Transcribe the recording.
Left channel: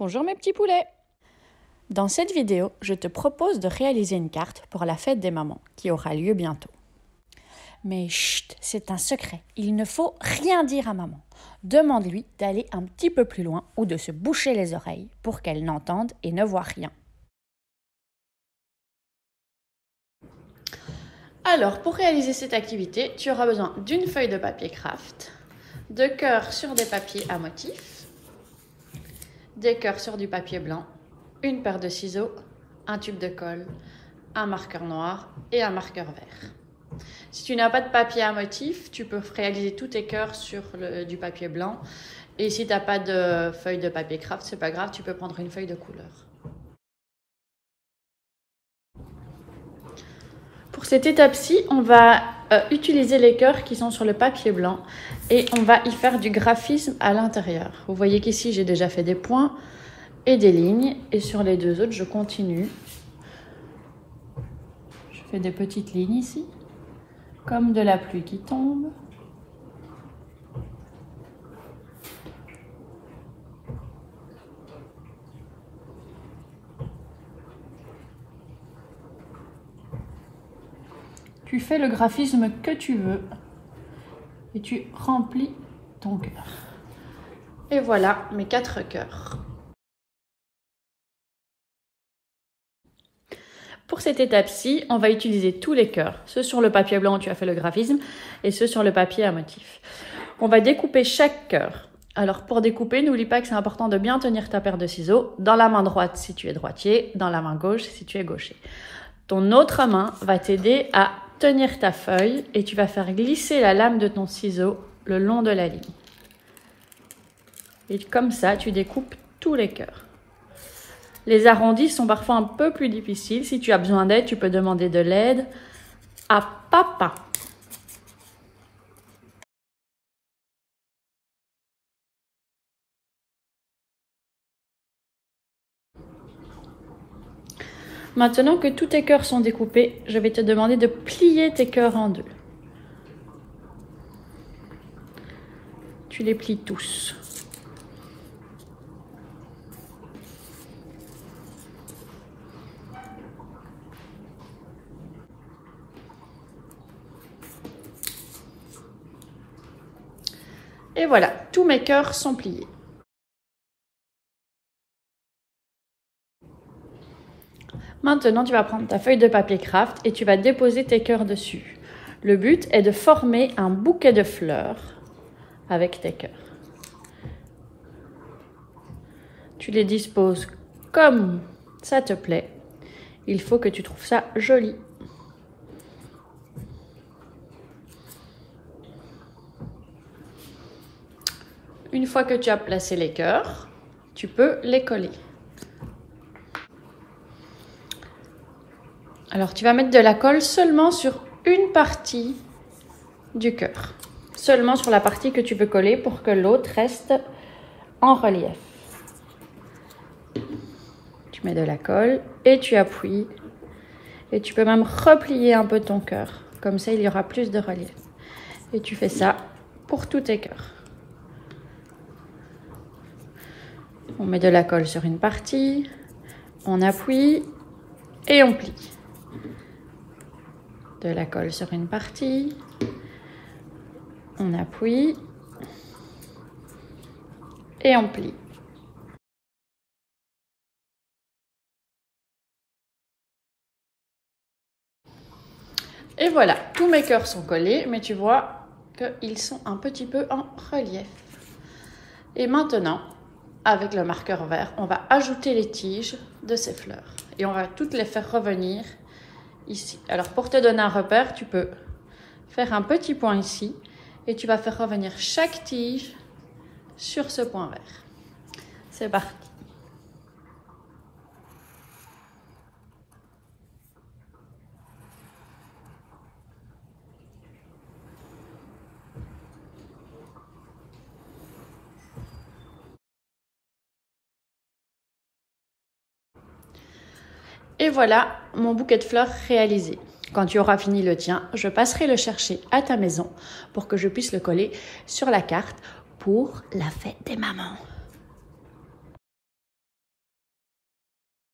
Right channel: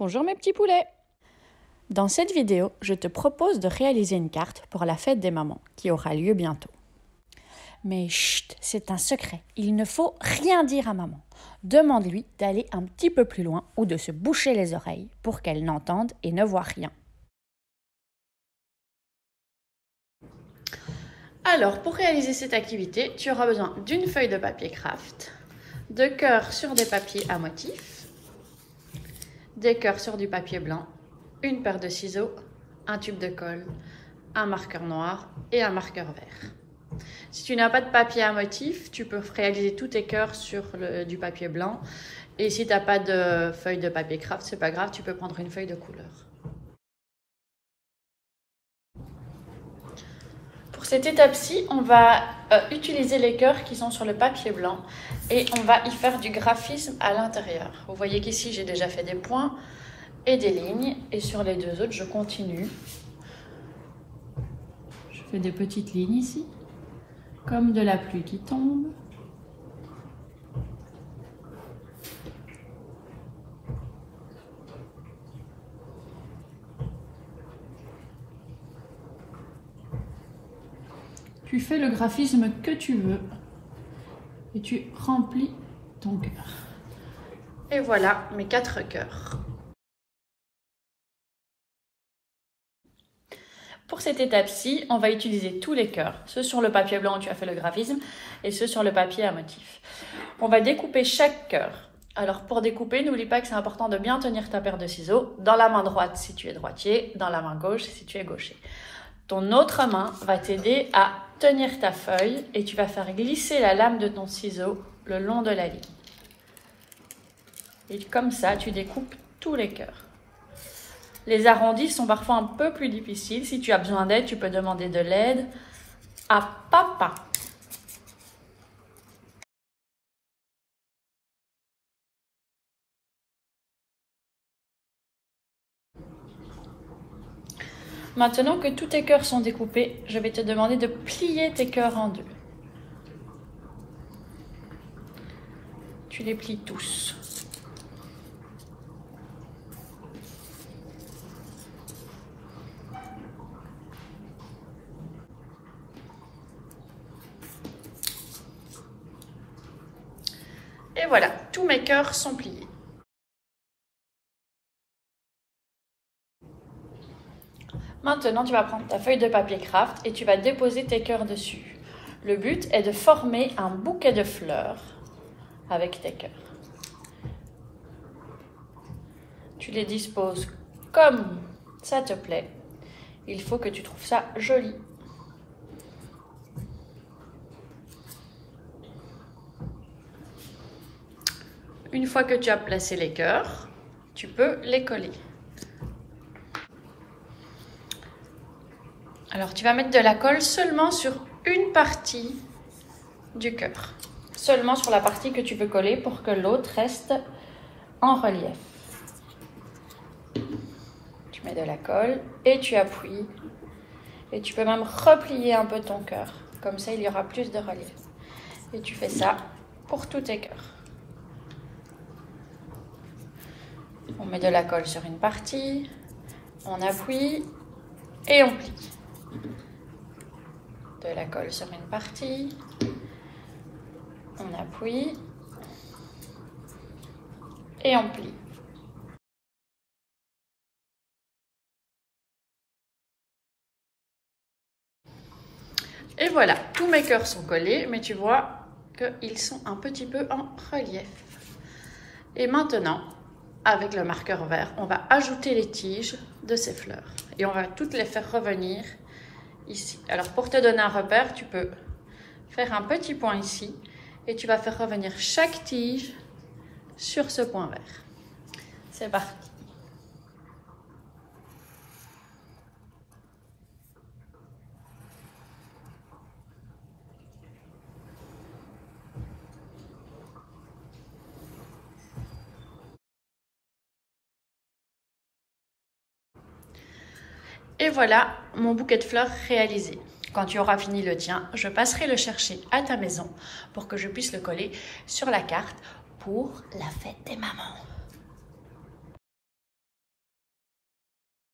Bonjour mes petits poulets! Dans cette vidéo, je te propose de réaliser une carte pour la fête des mamans qui aura lieu bientôt. Mais chut, c'est un secret, il ne faut rien dire à maman. Demande-lui d'aller un petit peu plus loin ou de se boucher les oreilles pour qu'elle n'entende et ne voit rien. Alors, pour réaliser cette activité, tu auras besoin d'une feuille de papier craft, de cœurs sur des papiers à motifs, des cœurs sur du papier blanc, une paire de ciseaux, un tube de colle, un marqueur noir et un marqueur vert. Si tu n'as pas de papier à motif, tu peux réaliser tous tes cœurs sur du papier blanc. Et si tu n'as pas de feuille de papier craft, c'est pas grave, tu peux prendre une feuille de couleur. Pour cette étape-ci, on va utiliser les cœurs qui sont sur le papier blanc et on va y faire du graphisme à l'intérieur. Vous voyez qu'ici, j'ai déjà fait des points et des lignes et sur les deux autres, je continue. Je fais des petites lignes ici, comme de la pluie qui tombe. Tu fais le graphisme que tu veux et tu remplis ton cœur. Et voilà mes 4 cœurs. Pour cette étape-ci, on va utiliser tous les cœurs, ceux sur le papier blanc où tu as fait le graphisme et ceux sur le papier à motif. On va découper chaque cœur. Alors pour découper, n'oublie pas que c'est important de bien tenir ta paire de ciseaux dans la main droite si tu es droitier, dans la main gauche si tu es gaucher. Ton autre main va t'aider à tenir ta feuille et tu vas faire glisser la lame de ton ciseau le long de la ligne. Et comme ça, tu découpes tous les cœurs. Les arrondis sont parfois un peu plus difficiles. Si tu as besoin d'aide, tu peux demander de l'aide à papa. Maintenant que tous tes cœurs sont découpés, je vais te demander de plier tes cœurs en deux. Tu les plies tous. Et voilà, tous mes cœurs sont pliés. Maintenant, tu vas prendre ta feuille de papier craft et tu vas déposer tes cœurs dessus. Le but est de former un bouquet de fleurs avec tes cœurs. Tu les disposes comme ça te plaît. Il faut que tu trouves ça joli. Une fois que tu as placé les cœurs, tu peux les coller. Alors, tu vas mettre de la colle seulement sur une partie du cœur. Seulement sur la partie que tu peux coller pour que l'autre reste en relief. Tu mets de la colle et tu appuies. Et tu peux même replier un peu ton cœur. Comme ça, il y aura plus de relief. Et tu fais ça pour tous tes cœurs. On met de la colle sur une partie, on appuie et on plie. De la colle sur une partie, on appuie et on plie. Et voilà, tous mes cœurs sont collés, mais tu vois qu'ils sont un petit peu en relief. Et maintenant, avec le marqueur vert, on va ajouter les tiges de ces fleurs. Et on va toutes les faire revenir ici. Alors pour te donner un repère, tu peux faire un petit point ici et tu vas faire revenir chaque tige sur ce point vert. C'est parti. Et voilà mon bouquet de fleurs réalisé. Quand tu auras fini le tien, je passerai le chercher à ta maison pour que je puisse le coller sur la carte pour la fête des mamans.